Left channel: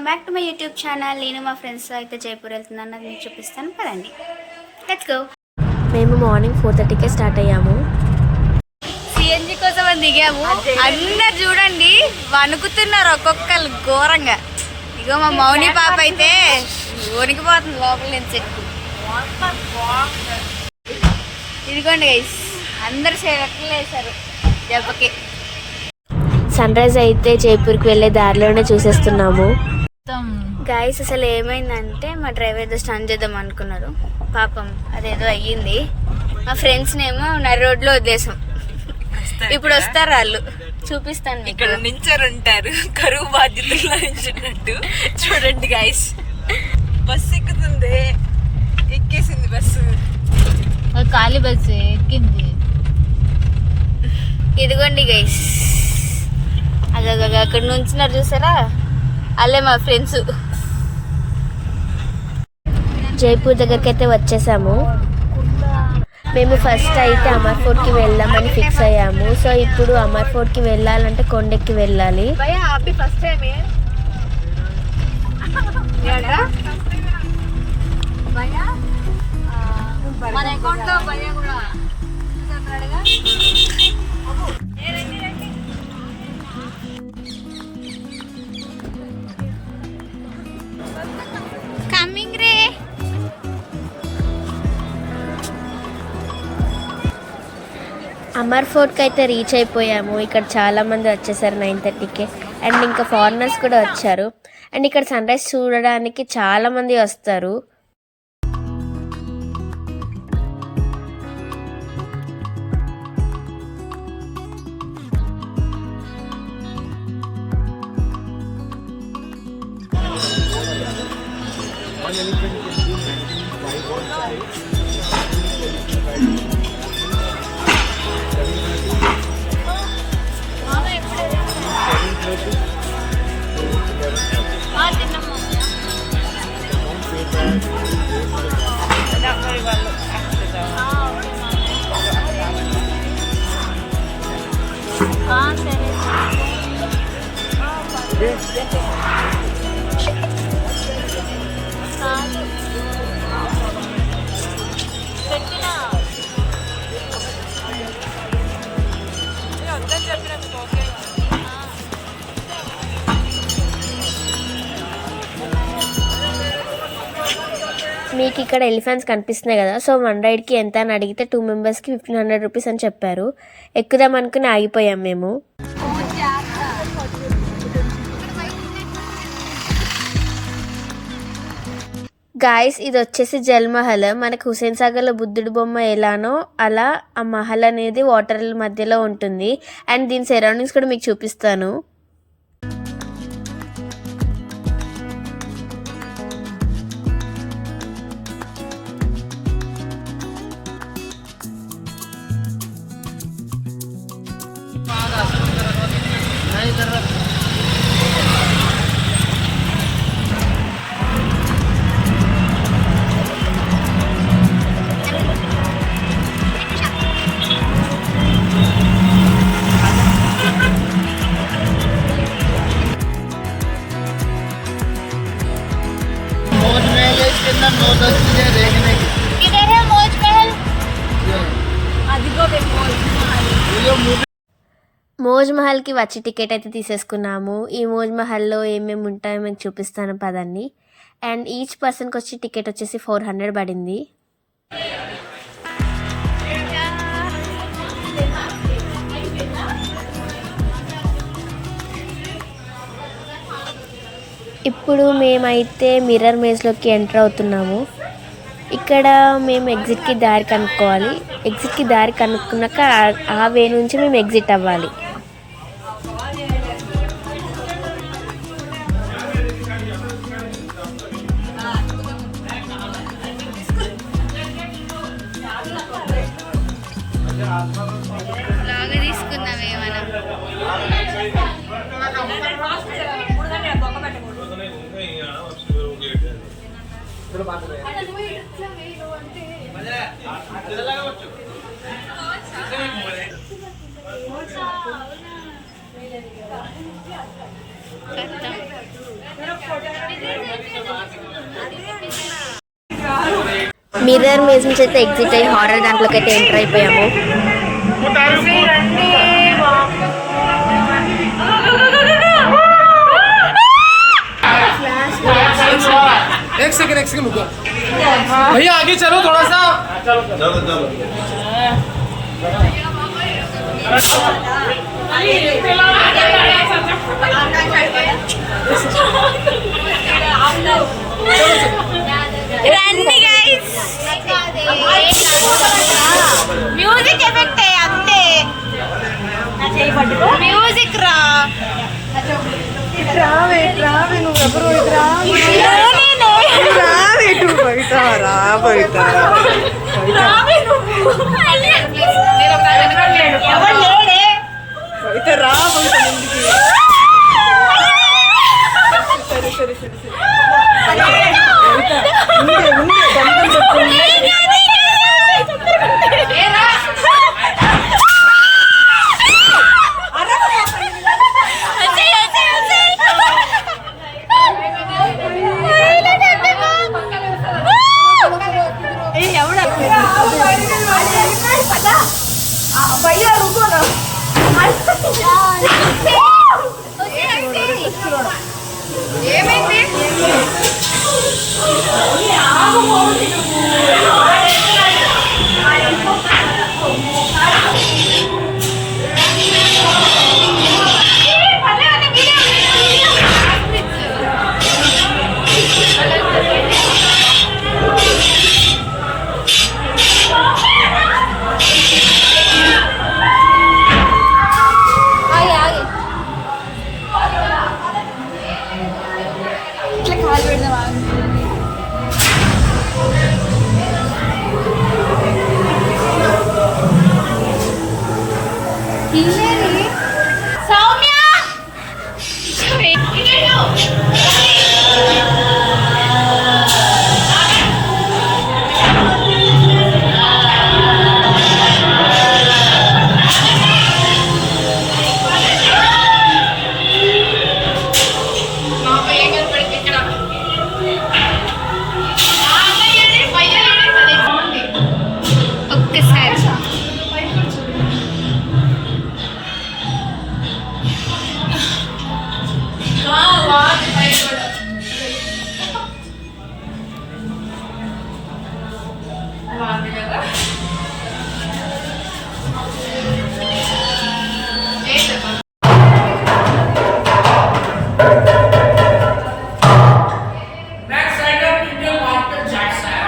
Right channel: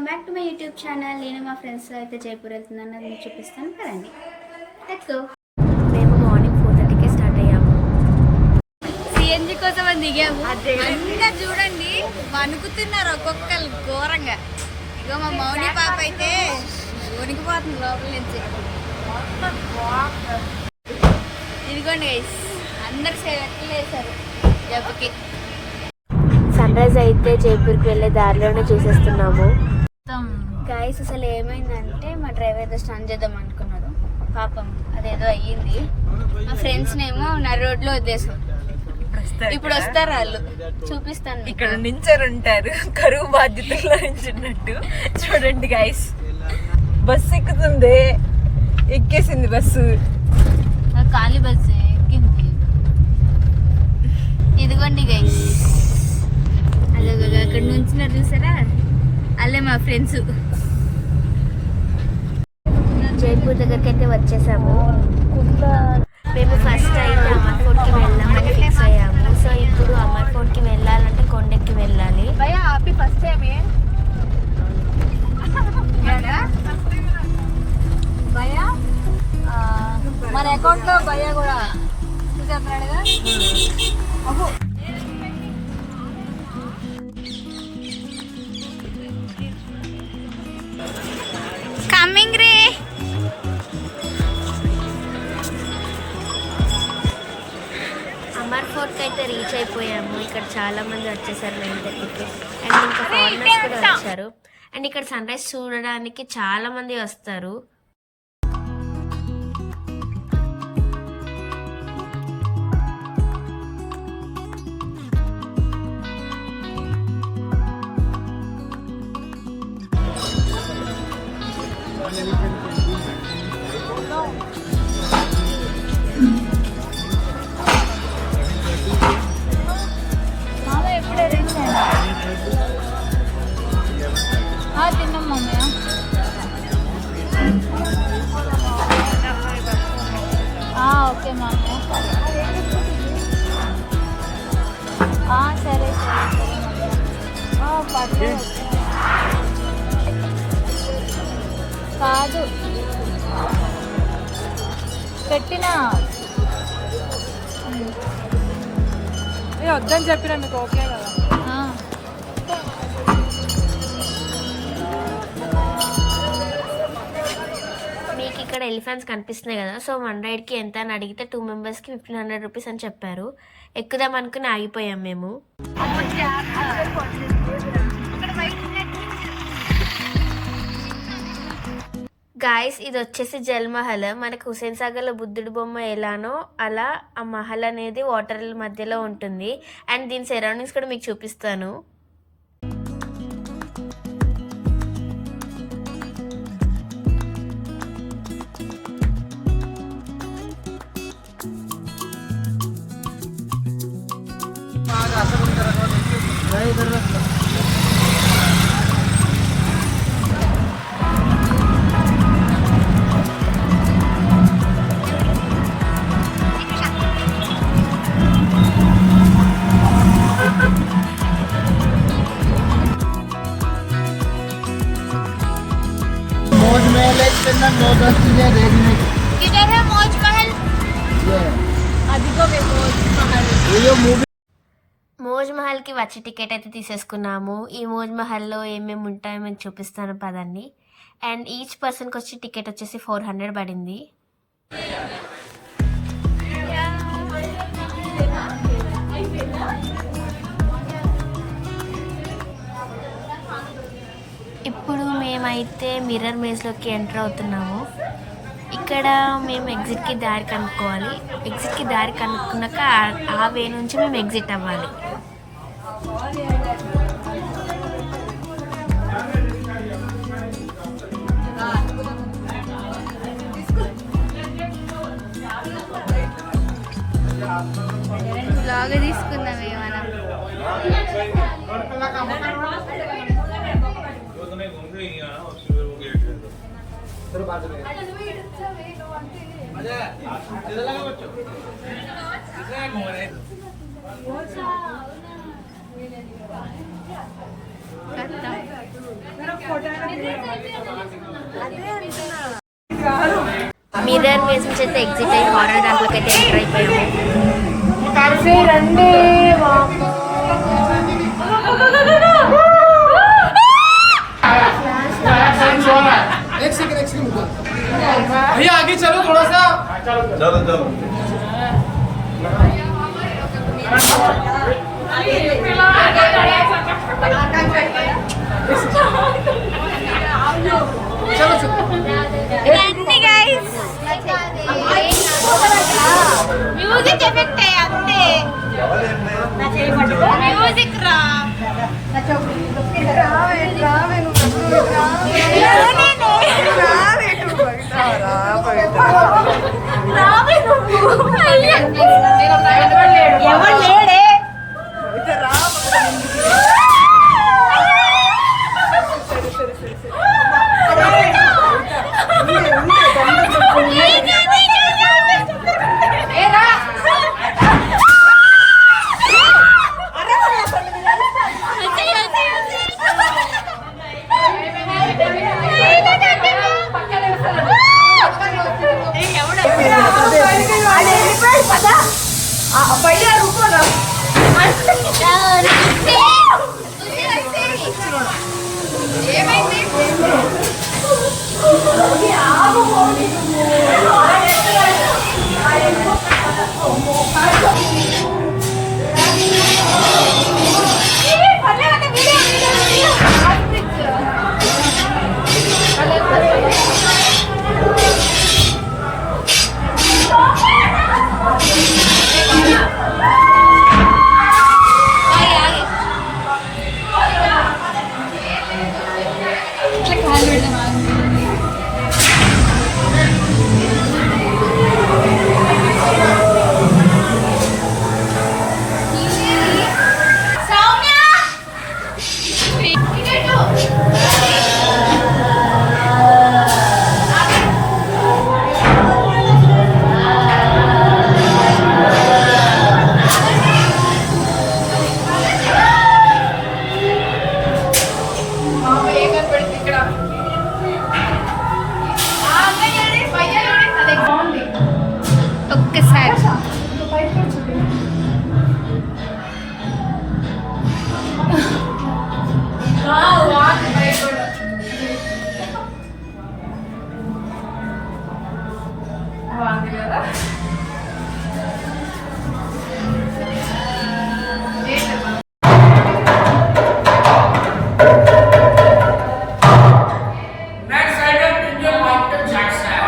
Welcome back to my YouTube channel. నేను మా ఫ్రెండ్స్తో అయితే జైపూర్ వెళ్తున్నాను, అది మీకు చూపిస్తాను కదండి. Let's go. మేము మార్నింగ్ 4:30కే స్టార్ట్ అయ్యాము. సిఎన్జి కోసం అని దిగాము. అందరు చూడండి వణుకుతున్నారు ఒక్కొక్కరు ఘోరంగా. ఇగో మా మౌని పాప అయితే వణికిపోతుంది లోపల నుంచి. ఇదిగోండి గైస్, అందరు సెలెక్ట్లు వేశారు దెబ్బకి. సన్ రైజ్ అయితే జైపూర్కి వెళ్ళే దారిలోనే చూసేస్తున్నాము. గైస్ అసలు ఏమైందంటే మా డ్రైవర్ ఏదో స్టన్ చేద్దాం అనుకున్నారు, పాపం అదేదో అయ్యింది. మా ఫ్రెండ్స్నేమో నడి రోడ్లో వదిలేసాం. ఇప్పుడు వస్తారు వాళ్ళు, చూపిస్తాను. ఇక్కడ నించొని కరువు బాధ్యతలో నించున్నట్టు. చూడండి గైస్, బస్సు ఎక్కుతుంది, ఎక్కేసింది బస్సు, ఖాళీ బస్సు ఎక్కింది. ఇదిగోండి గైస్, అక్కడ నుంచున్నారు చూసారా, అల్లే మా ఫ్రెండ్స్. జైపూర్ దగ్గరికి అయితే వచ్చేసాము. మేము ఫస్ట్ అయితే అమర్ ఫోర్ట్కి వెళ్దామని ఫిక్స్ అయ్యాము. సో ఇప్పుడు అమర్ ఫోర్ట్కి వెళ్ళాలంటే కొండెక్కి వెళ్ళాలి. మన అకౌంట్ లో కూడా కమింగ్ రే. అమర్ ఫోర్ట్కి అయితే రీచ్ అయిపోయాము. ఇక్కడ చాలా మంది వచ్చేసారు 9:30కి. అండ్ ఇంకా ఫారినర్స్ కూడా వచ్చారు. అండ్ ఇక్కడ సన్ రైజ్ చూడడానికి చాలా మంది వస్తారు. వద్దని చెప్పిన ఓకే. మీకు ఇక్కడ ఎలిఫెంట్స్ కనిపిస్తున్నాయి కదా. సో 1 రైడ్కి ఎంత అని అడిగితే 2 మెంబర్స్కి 1500 రూపీస్ అని చెప్పారు. ఎక్కుదాం అనుకుని ఆగిపోయాం మేము. గాయస్, ఇది వచ్చేసి జల్ మహల్. మనకు హుసేన్ సాగర్లో బుద్ధుడి బొమ్మ ఎలానో అలా ఆ మహల్ అనేది వాటర్ మధ్యలో ఉంటుంది. అండ్ దీని సరౌండింగ్స్ కూడా మీకు చూపిస్తాను. మోజ్ మహల్కి వచ్చి టికెట్ అయితే తీసేసుకున్నాము. ఈ మోజ్ మహల్లో ఏమేమి ఉంటాయో మేము చూపిస్తాను పదండి. అండ్ ఈచ్ పర్సన్కి వచ్చి టికెట్ వచ్చేసి 400 పడింది. ఇప్పుడు మేమైతే మిర్రర్ మేజ్లోకి ఎంటర్ అవుతున్నాము. ఇక్కడ మేము ఎగ్జిట్కి దారి కనుక్కోవాలి. ఎగ్జిట్కి దారి కనుక్కున్నాక ఆ వే నుంచి మేము ఎగ్జిట్ అవ్వాలి. లాగా తీసుకుందాం ఏమన్నా. మిర్రర్ మేజ్ నుంచి అయితే ఎగ్జిట్ అయ్యి హారర్ దాంట్లోకి అయితే ఎంటర్ అయిపోయాము. एक सेकंड रुको भैया आगे चलो थोड़ा सा चलो రండి గైస్ మ్యూజిక్ ఎఫెక్ట్ అంతే మ్యూజిక్ రా ఎవరు లేడే ఒక్కసారి next rider Indian Michael Jackson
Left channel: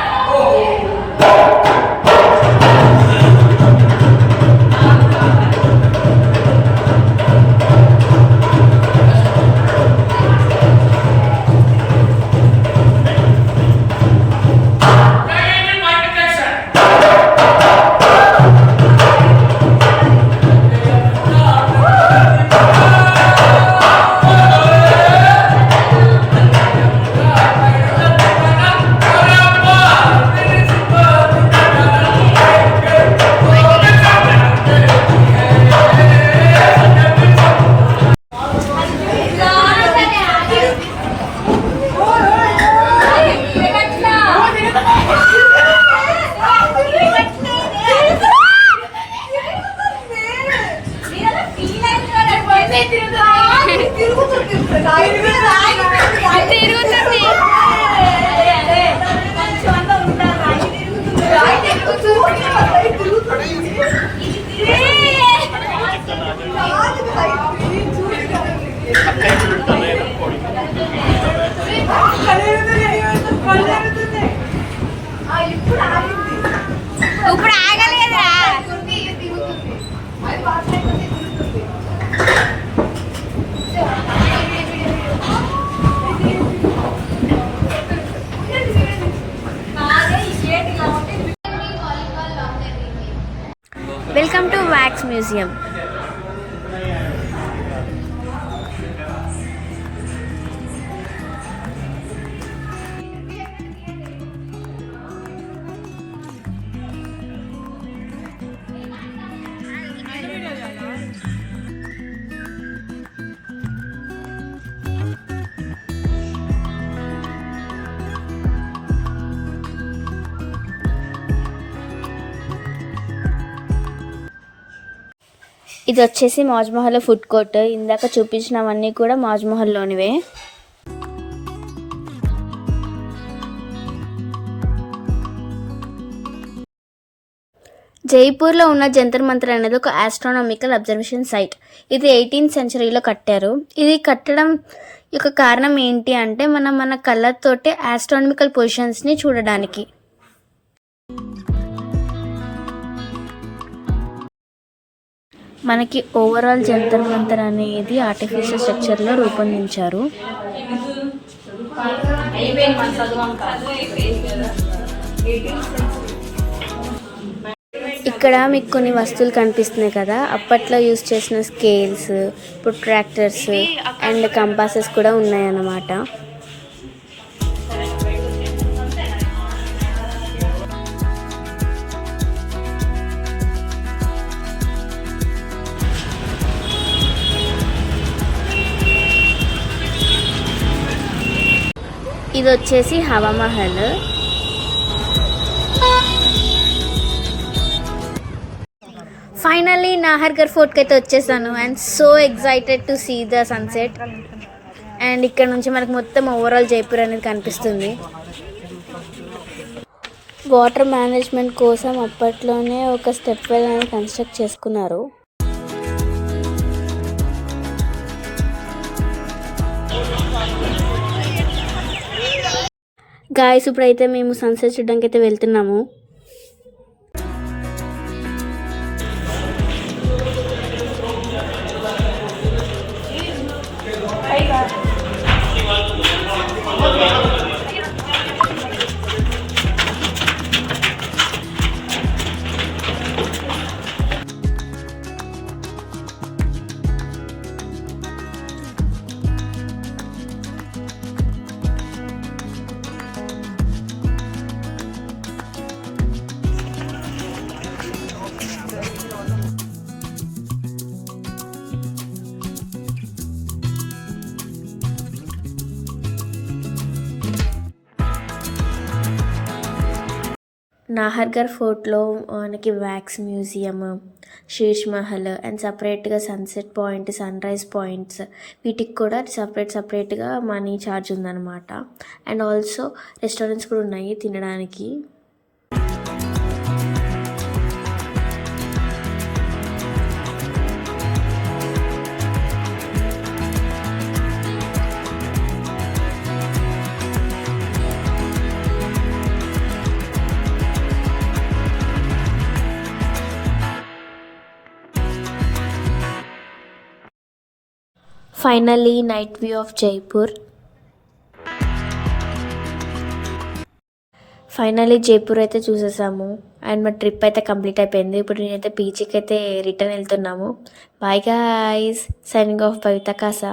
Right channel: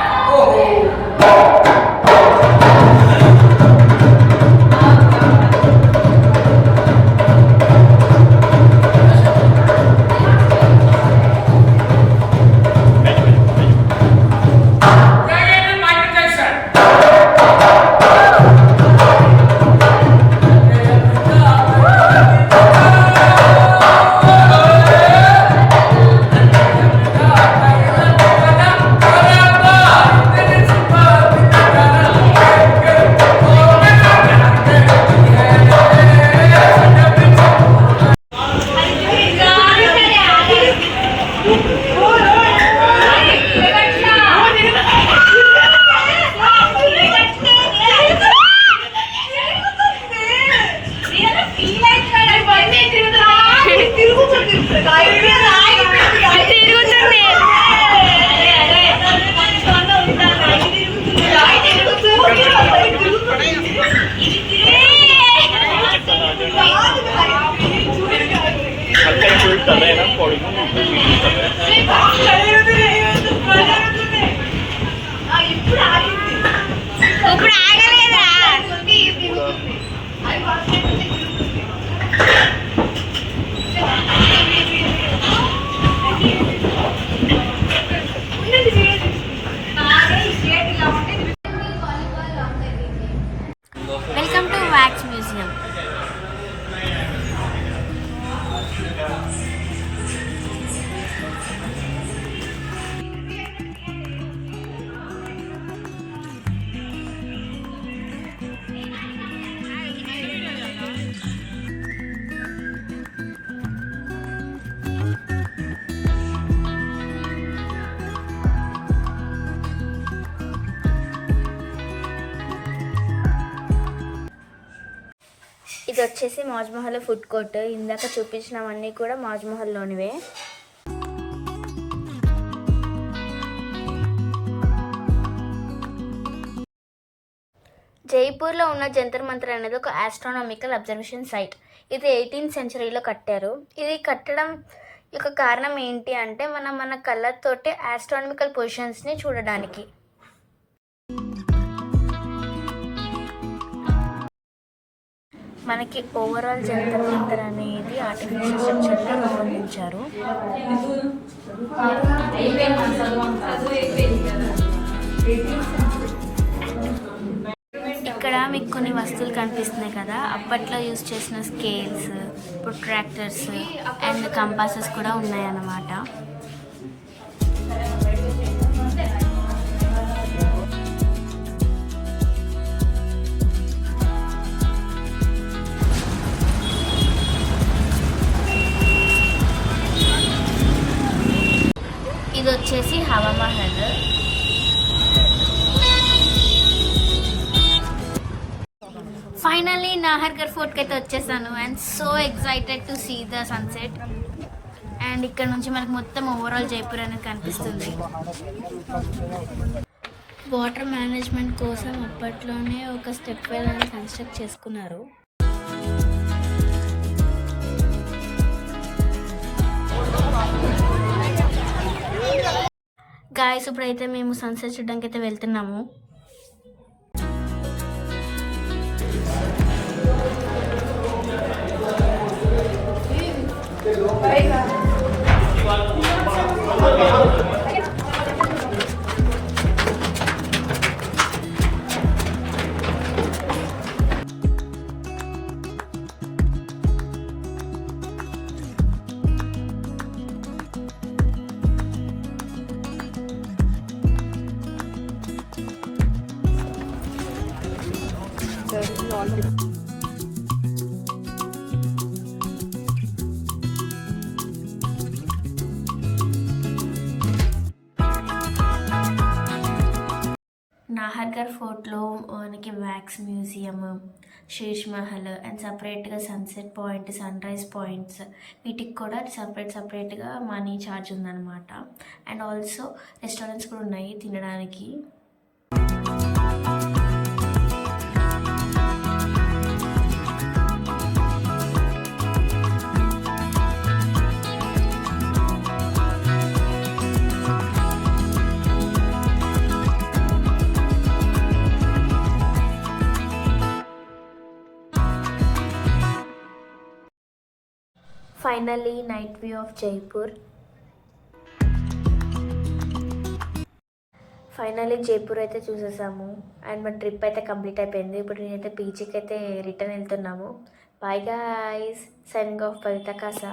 ఇప్పుడు ఆగలేదురా వెల్కమ్ టు వ్యాక్స్ మ్యూజియం. ఇది వచ్చేసి మహల్ ఫుడ్ కోర్ట్. ఇందాక చూపించినవన్నీ కూడా మహల్లోనివే. జైపూర్లో ఉన్న జంతర్ మంతర్ అనేది ఒక ఆస్ట్రానామికల్ అబ్జర్వేషన్ సైట్. ఇది 18th సెంచరీలో కట్టారు. ఇది కట్టడం యొక్క కారణం ఏంటి అంటే మన కళ్ళతోటి ఆస్ట్రానామికల్ పొజిషన్స్ని చూడడానికి. మనకి ఓవరాల్ జంతర్ మంతర్ అనేది ఆర్టిఫిషియల్ స్ట్రక్చర్లో రూపొందించారు. ఇక్కడ మీకు కొన్ని వస్తువులు కనిపిస్తున్నాయి కదా, అప్పట్లో యూజ్ చేసిన స్కేల్స్, ప్రొట్రాక్టర్స్ అండ్ కంపాసెస్ కూడా ఉన్నాయన్నమాట. ఇది వచ్చేసి హవా మహల్. ఫైనల్లీ నాహర్గర్ ఫోర్ట్కి అయితే వచ్చేసాను and so excited to see the sunset. And ఇక్కడ నుంచి మనకు మొత్తం ఓవరాల్ జైపూర్ అనేది కనిపిస్తుంది. వాటర్ మేనేజ్మెంట్ కోసం అప్పట్లోనే ఒక స్టెప్ వెల్ అనేది కన్స్ట్రక్ట్ చేసుకున్నారు. గాయస్ ఇప్పుడైతే మేము సన్సెట్ చూడడానికి అయితే వెళ్తున్నాము. నాహర్గర్ ఫోర్ట్లో మనకి wax museum, Sheesh Mahal and సపరేట్గా sunset point, sunrise points వీటికి కూడా సపరేట్గా మనీ ఛార్జ్ ఉందన్నమాట. అండ్ ఆల్సో రెస్టారెంట్స్ కూడా ఉన్నాయి తినడానికి. Finally night view of Jaipur. Finally Jaipur అయితే చూసేసాము అండ్ మా ట్రిప్ అయితే కంప్లీట్ అయిపోయింది. ఇప్పుడు నేనైతే బీచ్కి అయితే రిటర్న్ వెళ్తున్నాము. Bye guys, signing off Bavitha Kasa.